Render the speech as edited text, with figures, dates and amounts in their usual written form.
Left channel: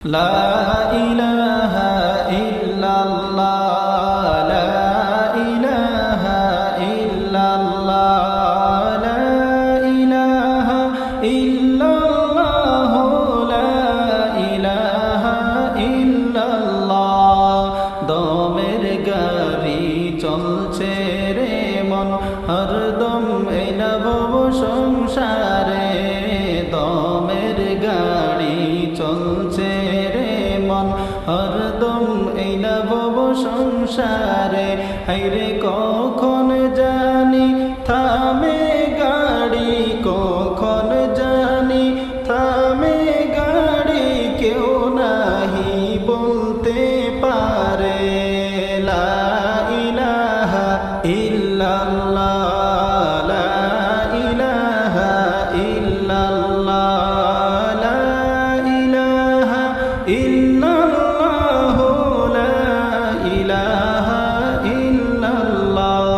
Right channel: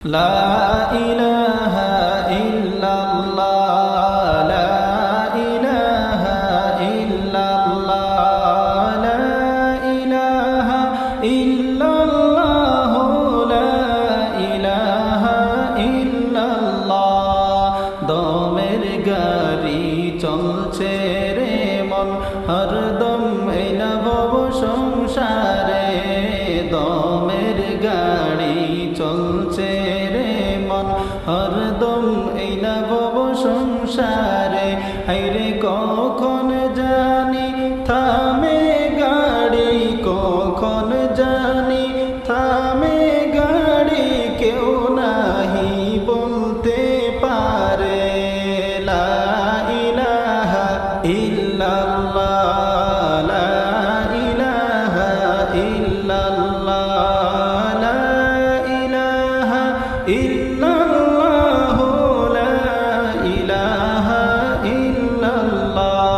لا إله إلا الله لا إله إلا الله لا إله إلا الله لا إله إلا الله দমের গাড়ি চলছে রে মন হরদম এই নভব সংসারে দমের গাড়ি চলছে রে মন হরদম এই নভব সংসারে হাইরে কখন জানি থামে গাড়ি কখন জানি থামে গাড়ি কেউ নাহি বলতে পারে লা ইলাহা ইল্লাল্লাহ লা ইলাহা ইল্লাল্লাহ লা ইলাহা ইল্লাল্লাহ লা ইলাহা ইল্লাল্লাহ